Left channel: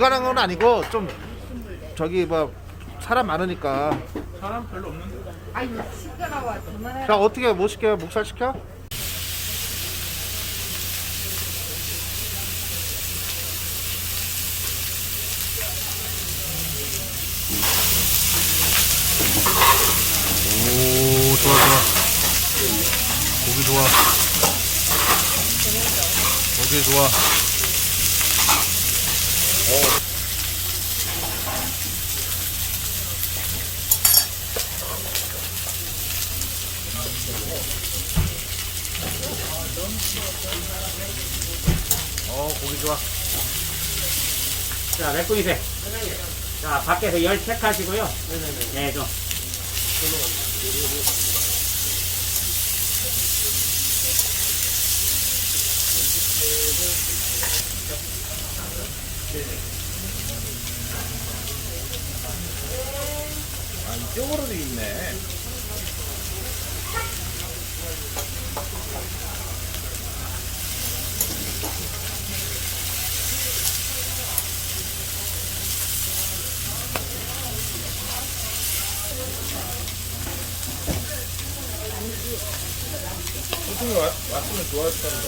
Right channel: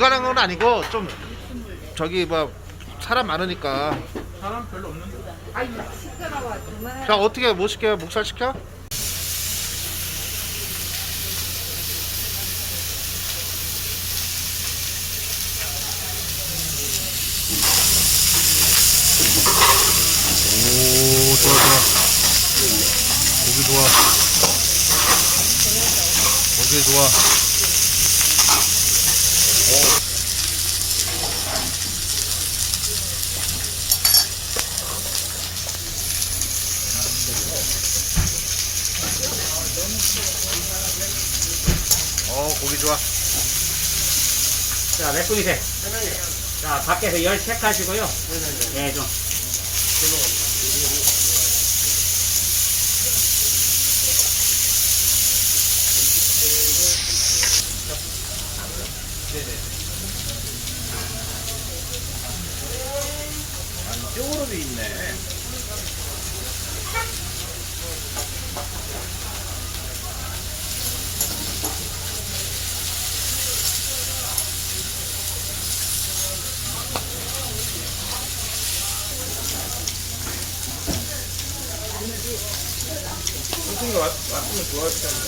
불가능한 건 아니고 좀 저기 뭐 사람 많으니까. 사람 별로 없는데. 자 어떻게 뭐 시켜요? 목살 시켜? 오 좋아 좋아. 고기 좋아. 고기 좋아. 고기 좋아. 자, 몇 분이세요? 자, 밖에서 열 체크하시고요. 네, 좀. 이쪽으로 돼 있네. 선생님 왔으면 좋았을 텐데.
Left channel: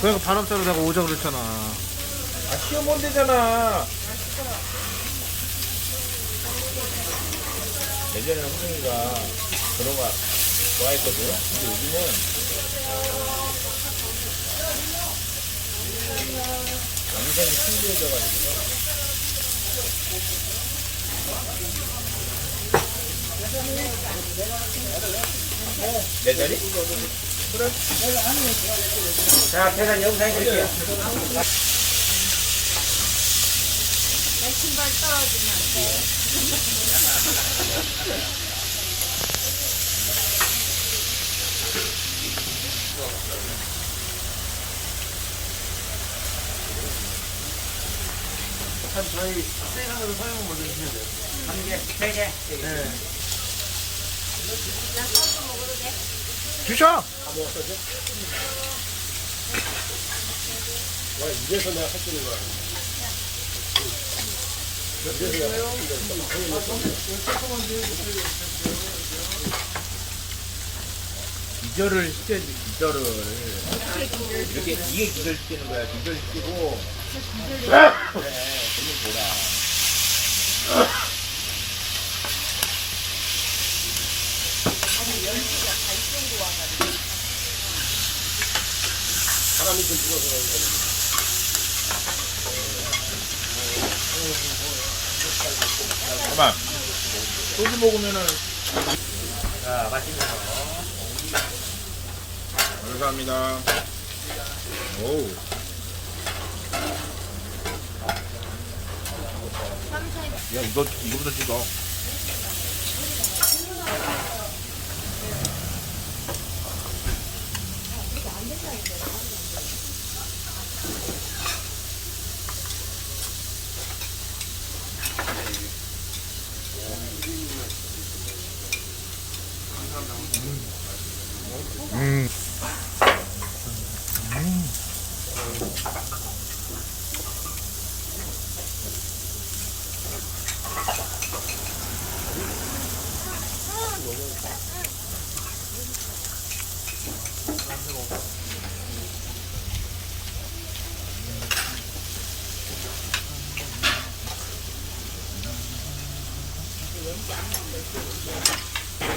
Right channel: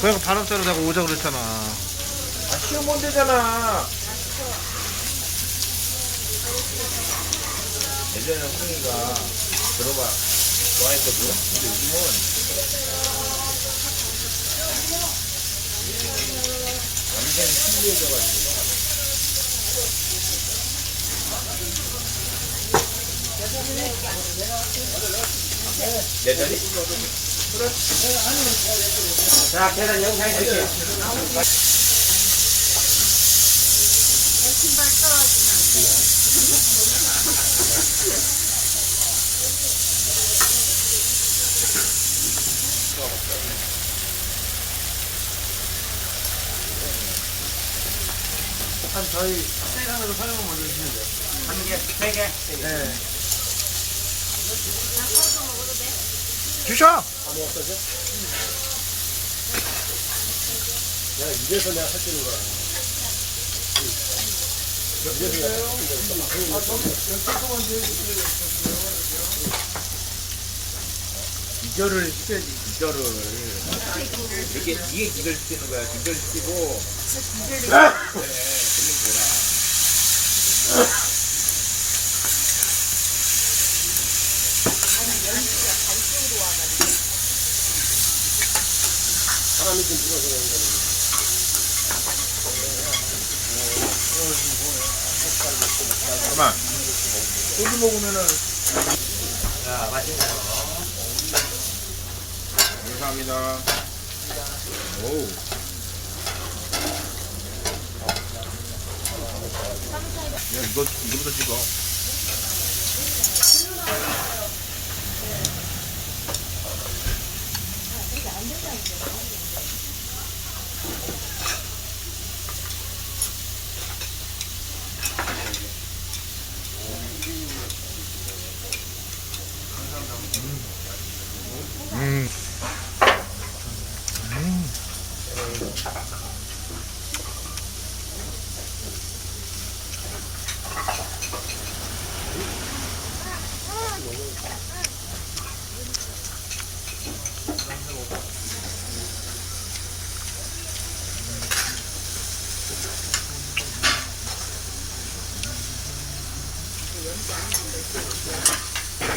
그러니까 바람자루 내가 오자 그랬잖아. 아, 시험 온 데잖아. 예전에 선생님가 그런 거 좋아했거든. 근데 요즘은 완전히 신기해져가지고. 내 자리? 자, 계산 영상에 드릴게요. 한 저희 생강으로 설명 먼저 주시면 돼요. 한 개, 세 개. 네. 주셔. 기절을 시켜야지, 기절을. 이렇게, 이게 기절 시키는 거야. 기절 시키고. 네, 그러면 뭐라. 사람이 좀 죽어서 그런 거는. 잠깐만. 소주 먹으면은. 자, 맛있네요. 감사합니다. 오. 야, 이거부터 찍어.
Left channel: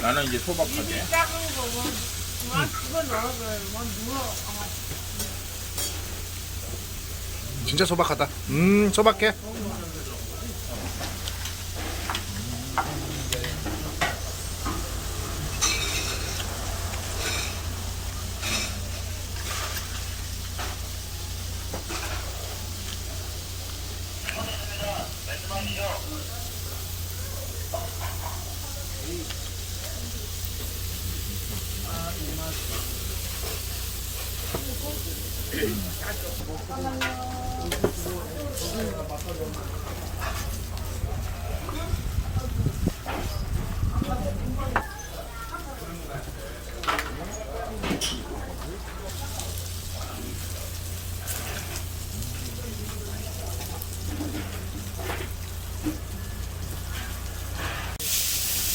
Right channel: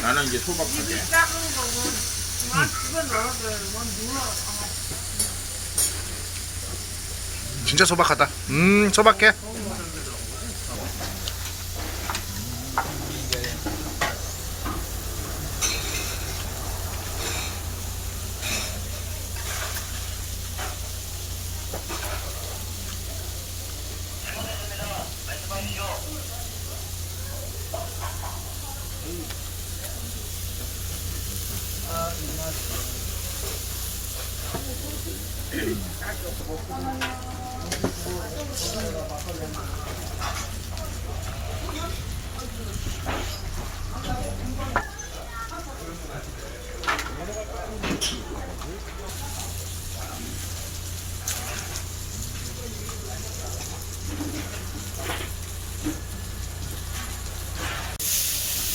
나는 이제 소박하게. 작은 거고, 그거 넣어서 뭐 누워. 진짜 소박하다. 소박해.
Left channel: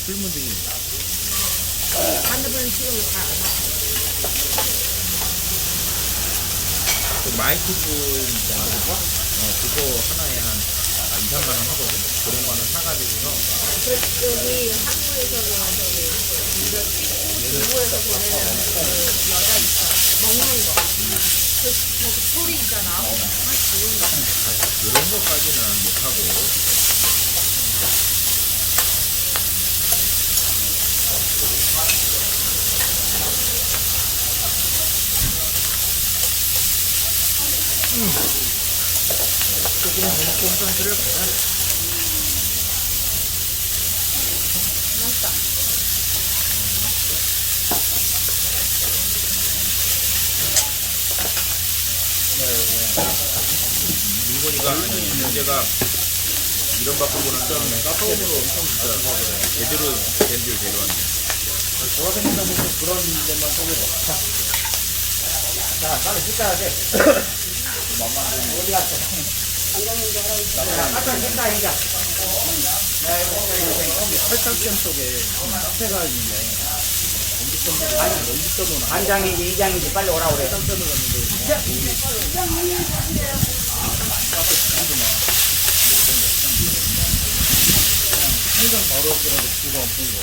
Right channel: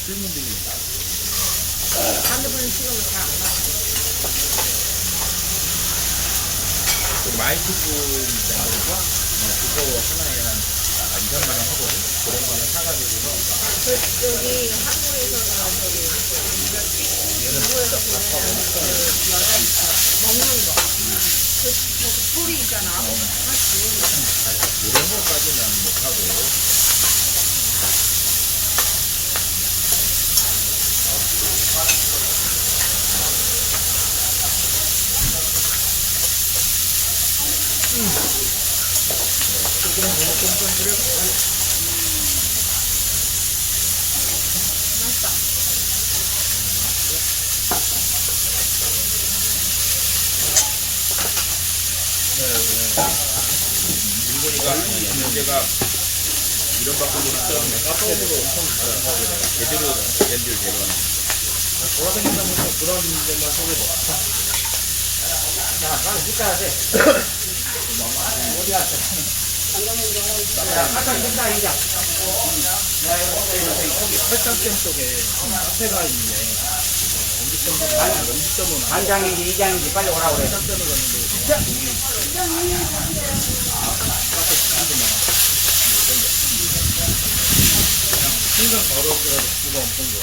그 마이크폰 있잖아. 그거 하나에 한 2,000원 하거든. 그런 거는 사가지고. 이런 거까지는 못하고. 민근이가 문제가 이런 바꾸고 있었는데 카페에서 제대로 밴드를 데려갔네. 돌아다니다 보면 그런 데만 소개해. 자, 빨리 씻어야 돼. 어디 갔어? 자, 빨리 씻어야 돼. 팔딱댐 쪽에 카페가 있는데 반장인지 이장인지 빨리 오라고 그래. 항상 더러워가지고 수가 엄청 좋아.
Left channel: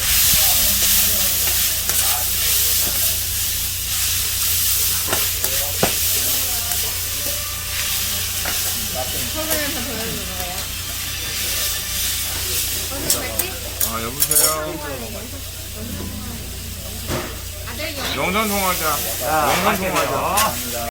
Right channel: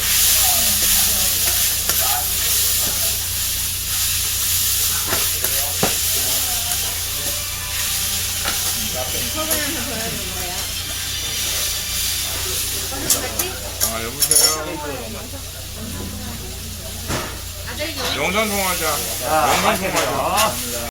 아, 여보세요. 영상 통화하자. 자, 마시세요.